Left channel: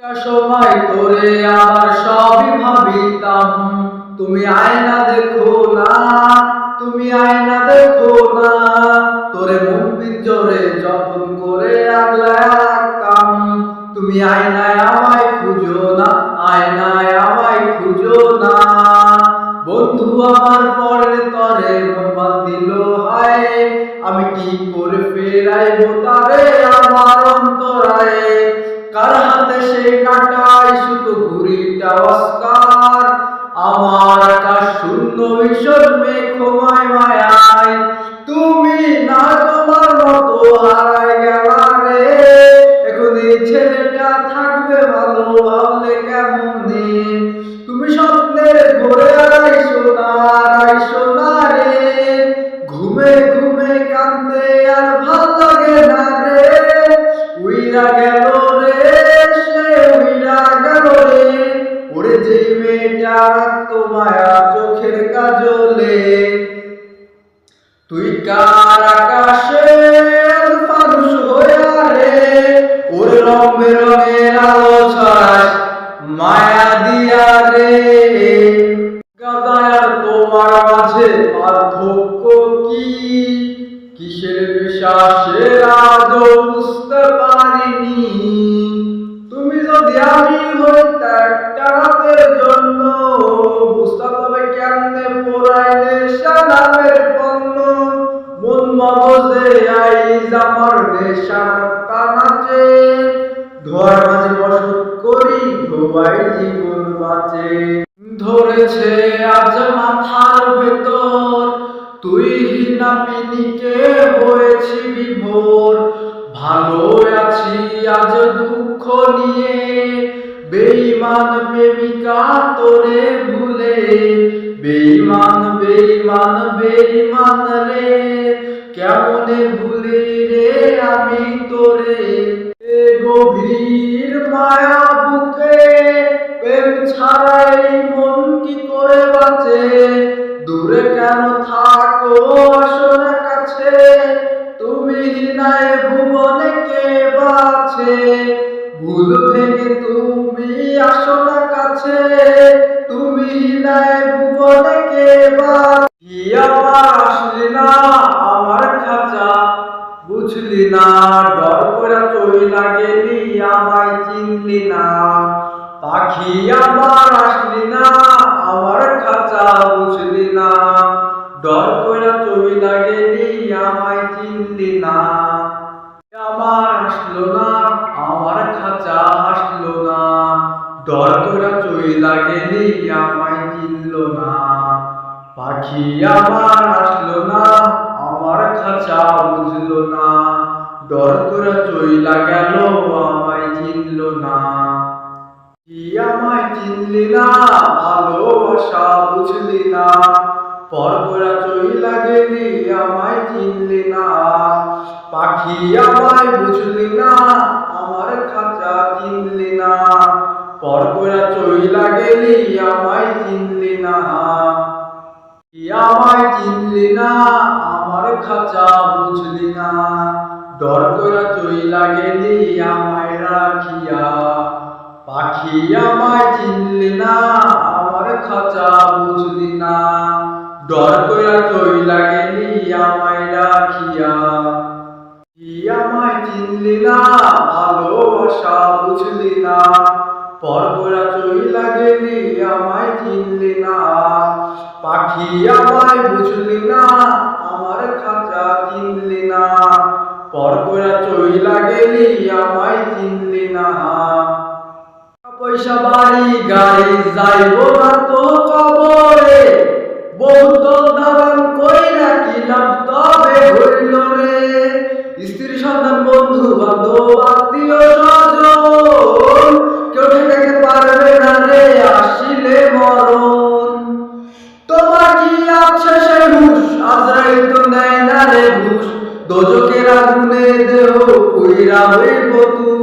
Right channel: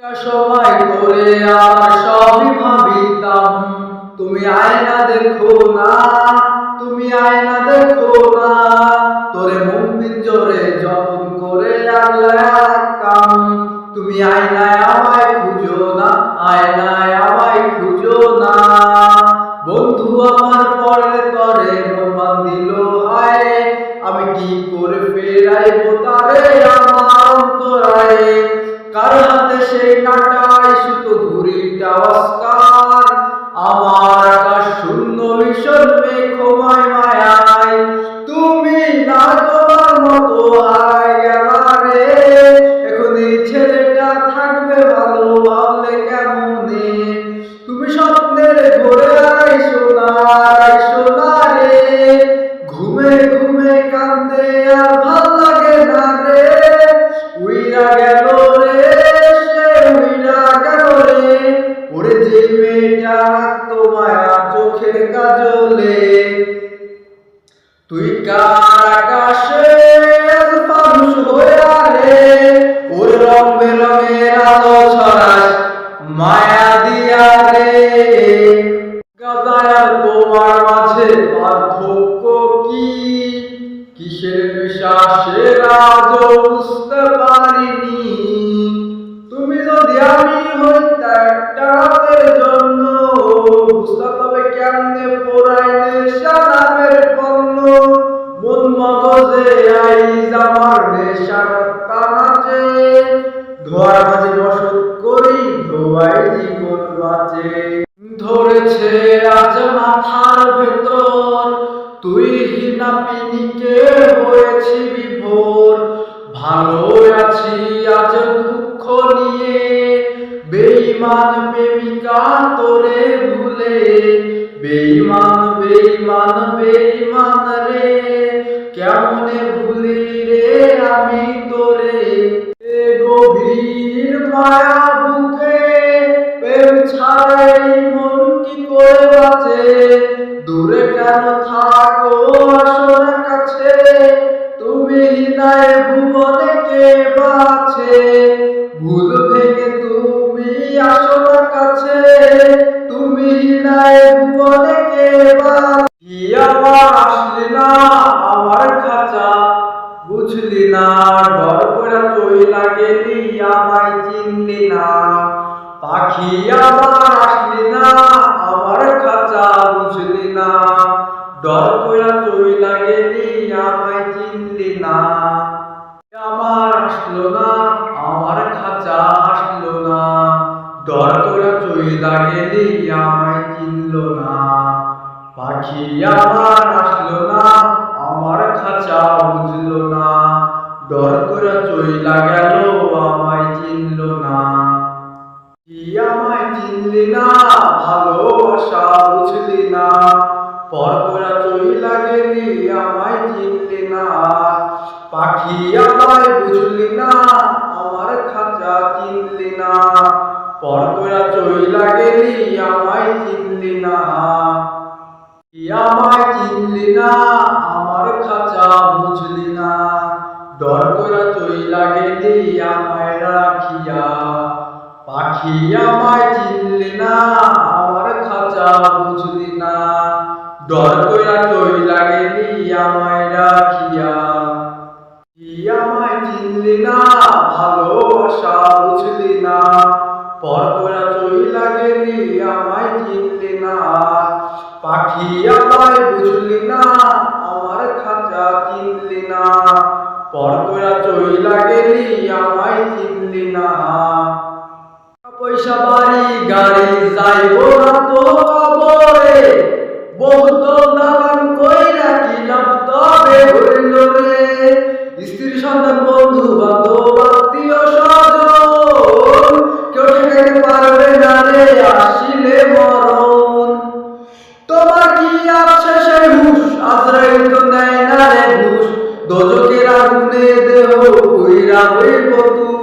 একটা সময় তোরে আমার সবই ভাবিতাম, তুমি আয়না দেখো না, তুমি আয়না দেখো না। তোরে মন পিঞ্জরে যতন করে আগলায় রাখতাম, তুমি আয়নায় আমায় খুঁজো না, আয়নায় আমায় খুঁজো না। বন্ধু আমার পরে তরে মন বান্ধিল হায়, আমি কি করে ফেরাইবো তারে আমার অন্তরায়। কার হাতে সেই কাটাই সুতো ঘুড়িটা অস্কার, আমার আকাশ শূন্য ভীষণ মেঘময় মায়ায়। তুমি না তোমার মতো হারায় গেলা রে, এখন এই ছেলেটা থাকবে ভালো ভাবলে কেমনে। তুমি স্বপ্নের ঘোরে আইসো না রে, ঘুমে ঘুমে কান্দে আর ভাল লাগে না রে। উইরা গেল রে, সে উইরা গেল রে, ওরে যে মেয়েটা রাখতো মায়া চোখের কাজলে। তুই কার আকাশে আজ ফানুস হইয়া রে, ওরে রং বেরঙের আলো ছড়াস মায়া দিয়া রে। গাজায় আর তোমার মাঝে পার্থক্য কি, কিসের নেশা সে আজও বুঝতে পারিনি। তুমি যদি আমি হইতা একটা রাতের জন্য, বুঝতা তবে কেমনে পোড়ায় নেশা নামের পণ্য। মন মগজে আইজ আমার নেশার নাচে, ধোয়ার মাঝে বসত করি ধোয়াই জীবন বাঁচে। ধরেছে আজ মাথার ভেতর, তুই হিনা পিনিকে হয়েছি বিভোর। ভালো আছি আজ দুঃখ নিয়ে, বেঈমান প্রেমিকা তোরে ভুলে। বেঈমান বেঈমান বেঈমান রে, কেমনে ভুলি রে আমি তোরে। এ গভীর মায়া বুকে প্রেম ছাড়াই মন কি করে বাঁচে। দূরে কেন থাকো আসো না কাছে, তুমি হিনায় ভুবনে কে বাছে। ভুল ভেঙে তুমি আসো না কাছে, তুমি হিনায় ভুবনে কে বাছে। আমার আসলি না আমার খাঁচা বুঝলি না, ডর করে চইলা গেলি আমায় চিনলি না। পাখি আমার আসলি না আমার খাঁচা বুঝলি না, ডর কইরা চইলা গেলি আমায় চিনলি না। আমার আসলো না আমার খাঁচা হাসলো না, ডর কইরা চইলা গেলি আমায় চিনলো না। পাখি আমার আসলো না আমার খাঁচা বুঝলো না, ডর কইরা চইলা গেল আমায় চিনলো না। আমায় চিনলি না ভালোবাসা বুঝলি না, পর কইরা চইলা গেলি আমায় চিনলি না। পাখি আমায় বুঝলি না আমার খাঁচা চিনলি না, পর কইরা চইলা গেলি আমায় চিনলি না। আমায় চিনলি না আমার খাঁচা বুঝলি না, ডর কইরা চইলা গেলি আমায় রাখিয়া। পাখি আমায় চিনলি না আমার খাঁচা বুঝলি না, ডর কইরা চইলা গেলি আমায় রাখিয়া। আমায় চিনলি না ভালোবাসা বুঝলি না, পর কইরা চইলা গেলি আমায় চিনলি না। পাখি আমায় বুঝলি না আমার খাঁচা চিনলি না, পর কইরা চইলা গেলি আমায় চিনলি না। পয়সা বাড়ি গাড়ি যাইবো না তো কবরে, বহুতল দালান কইরা কি লাভ তবে হইল রে। স্ত্রী সন্তান বন্ধু বান্ধব আত্মীয় স্বজন, কেউ ঠেকাইতে পারবে না রে আসিলে মরণ। তোমার কি আছে সেই হুশ, আজরাইল তো নেয় না রে ঘুষ। দোজকের আগুনে দেহ পুইরা হইব তুই,